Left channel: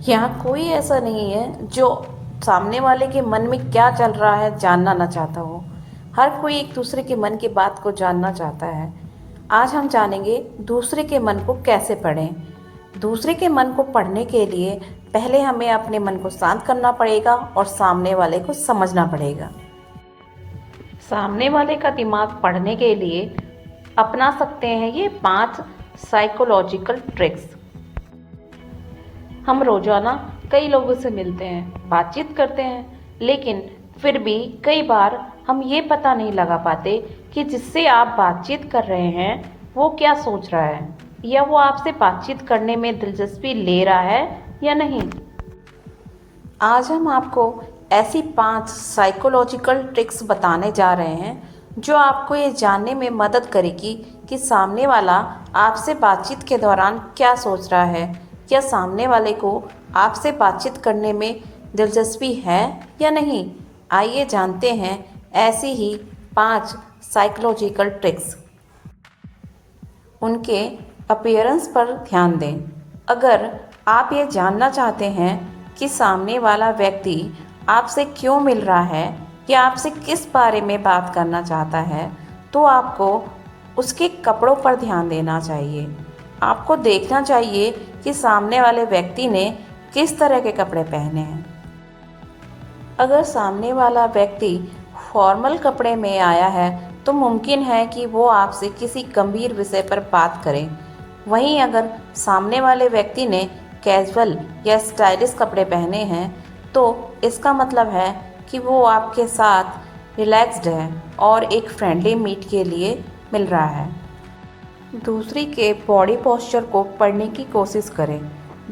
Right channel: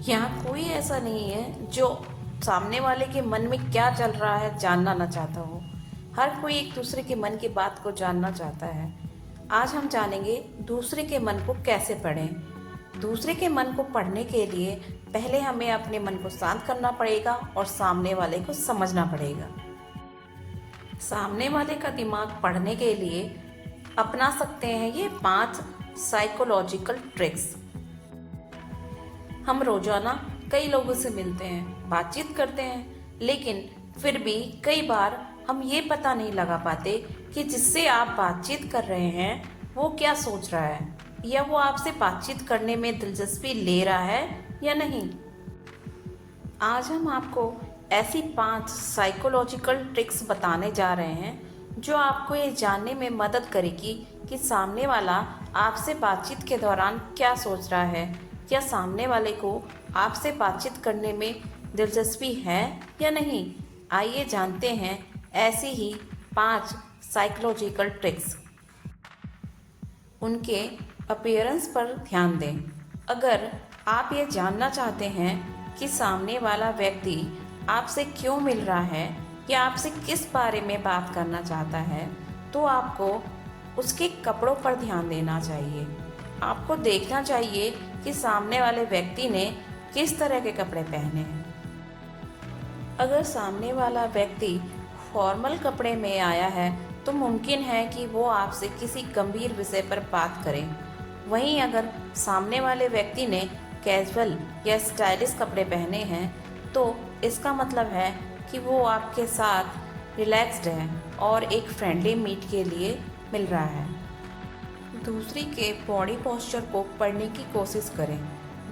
यहाँ कोई ऐसा नहीं है जो सामने वाले के मन में क्या चल रहा है जानना ना चाहता हो। हर कोई एक दूसरे के मन की बात को जानना चाहता है। आज हम जानेंगे दूसरे के मन को कैसे पढ़ें। दूसरे के मन को पढ़ने के लिए पहले हमें अपने मन को शांत करना पड़ेगा और सामने वाले को समझना पड़ेगा। सामने वाले का दिमाग पढ़ने के लिए अपना सकते हैं ये 5 साइकोलॉजिकल ट्रिक्स। हम रोजाना कई लोगों से मिलते हैं, बातचीत करते हैं, लेकिन फिर भी कई बार हम ये पता नहीं लगा पाते कि जिससे आप बातचीत कर रहे हैं वो क्या सोच रहा है या वो आपसे बातचीत करने में दिलचस्पी ले रहा है या नहीं। आज हम आपको ऐसी 5 साइकोलॉजिकल ट्रिक्स बताने जा रहे हैं जो आपको ये जानने में मदद करेगी कि सामने वाला आपसे बातचीत के दौरान क्या सोच रहा है या सामने वाले को आपसे बातचीत करने में दिलचस्पी है या नहीं। आइए जानते हैं ऐसी ही 5 साइकोलॉजिकल ट्रिक्स। उनके अपीयरेंस पर ध्यान दें। अगर आप ये जानना चाहते हैं कि सामने वाला व्यक्ति आपसे क्यों मिल रहा है या आपसे किस बारे में बात करना चाहता है, तो आपको उसके कपड़ों पर ध्यान देना चाहिए। आपको देखना चाहिए कि सामने वाले व्यक्ति ने किस तरह के कपड़े पहने हैं। अगर सामने वाला व्यक्ति फॉर्मल कपड़े में आया है तो मुमकिन है कि वो आपसे किसी गंभीर विषय पर बात करे। वहीं अगर सामने वाले व्यक्ति ने कैजुअल या स्टाइलिश कपड़े पहने हैं तो इसका मतलब है कि वो आपके साथ रिलैक्स्ड है और एक फ्रेंडली मीट के लिए मिल रहा है। दूसरी के बॉडी पोस्चर को पढ़ने की कोशिश करें।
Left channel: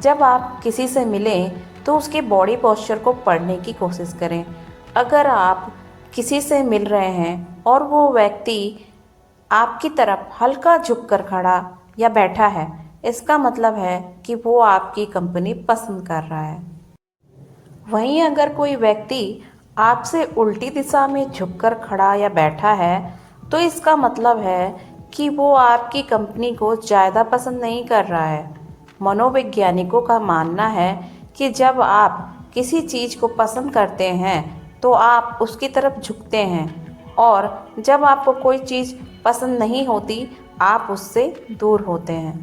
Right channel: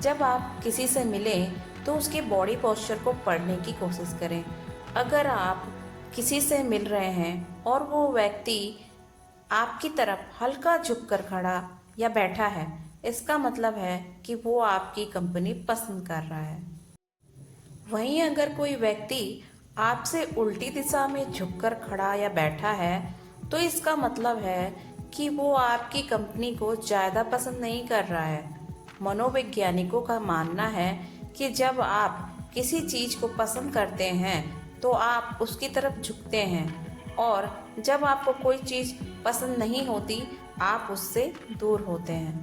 जब आप किसी से मिलें तो उसके बॉडी पोस्चर को पढ़ने की कोशिश करें। अगर आप किसी से मिल रहे हैं और वो व्यक्ति आपकी तरफ हल्का झुककर खड़ा या बैठा है, इसका मतलब है कि वो आपकी कंपनी पसंद कर रहा है। वहीं अगर कोई व्यक्ति आपसे उल्टी दिशा में झुककर खड़ा या बैठा है तो इसका मतलब है कि वो आपकी कंपनी को ज़्यादा पसंद नहीं कर रहा है। मनोवैज्ञानिकों का मानना है कि जब आप किसी चीज़ को पसंद करते हैं तो आप उसकी तरफ झुकते हैं और जब आपको कोई चीज़ पसंद नहीं होती आप उससे दूर होते हैं।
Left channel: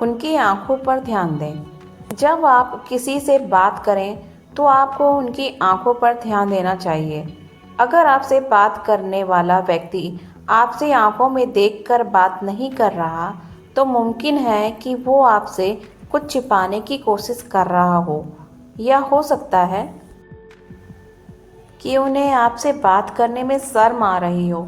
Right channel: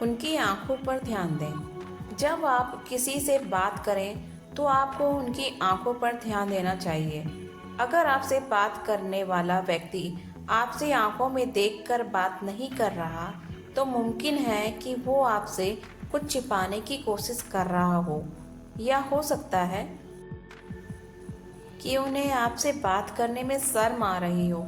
उनकी आंखों पर ध्यान दें। जब आप किसी से बात करें तो आपको उनकी आंखों पर ध्यान देना चाहिए। अगर आपसे बात करने वाला व्यक्ति आपसे आंखों में देखकर बात नहीं कर रहा तो मुमकिन है कि वो आपसे कुछ छिपाने की कोशिश कर रहा हो या हो सकता है कि उन्हें आपसे बात करने में शर्म आ रही हो।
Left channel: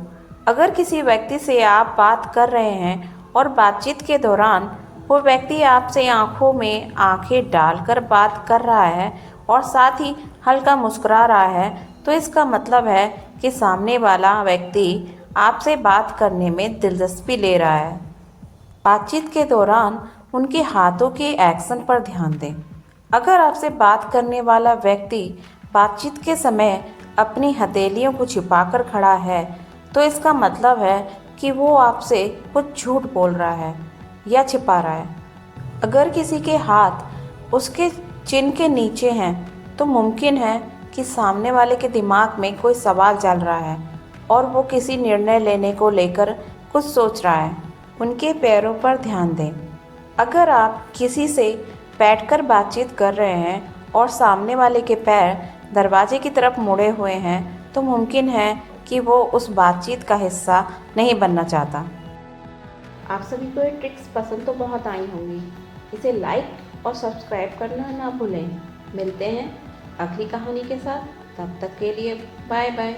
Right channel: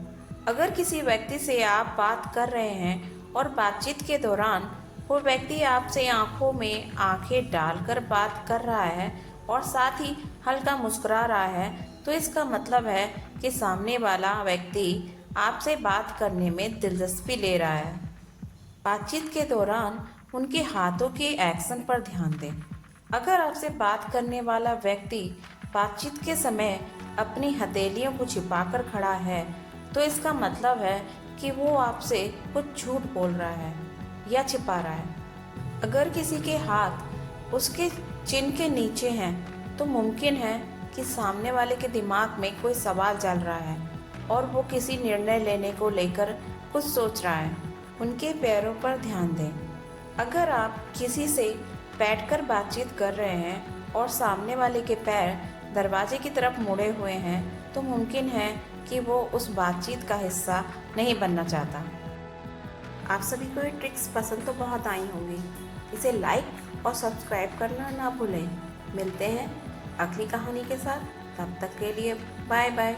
अगर किसी व्यक्ति से आप बात कर रहे हैं और बातचीत के दौरान वो व्यक्ति आपसे आंखों में आंखें डालकर बात कर रहा है और साथ ही हल्का मुस्कुरा रहा है तो इसका मतलब है कि सामने वाला व्यक्ति आपसे बात करने में दिलचस्पी ले रहा है। बातचीत के दौरान उनके हाथों के एक्शन पर ध्यान दें। अगर आपसे बात करने वाला व्यक्ति बातचीत के समय अपनी हथेलियों को छिपाकर खड़ा है तो इसका मतलब है कि वो आपसे कुछ झूठ बोल रहा है या छिपा रहा है। अगर किसी के हाथ उसके चिन के नीचे हैं तो मुमकिन है कि सामने वाले के दिमाग में कोई सवाल चल रहा है और वो किसी निर्णय लेने को लेकर कुछ सोच रहा है। उनके पैरों पर ध्यान दें। अगर आप किसी से बैठकर बातचीत कर रहे हैं और सामने वाले के पैर दरवाजे की तरफ मुड़े हुए हैं तो मुमकिन है कि वो उस बातचीत का हिस्सा नहीं बनना चाहता। आप सभी को ये ट्रिक्स पसंद तो बहुत आई होंगी। इसे लाइक और सब्सक्राइब करना ना भूलें। मिलते हैं अगली कहानी के साथ। तब तक के लिए बाय बाय।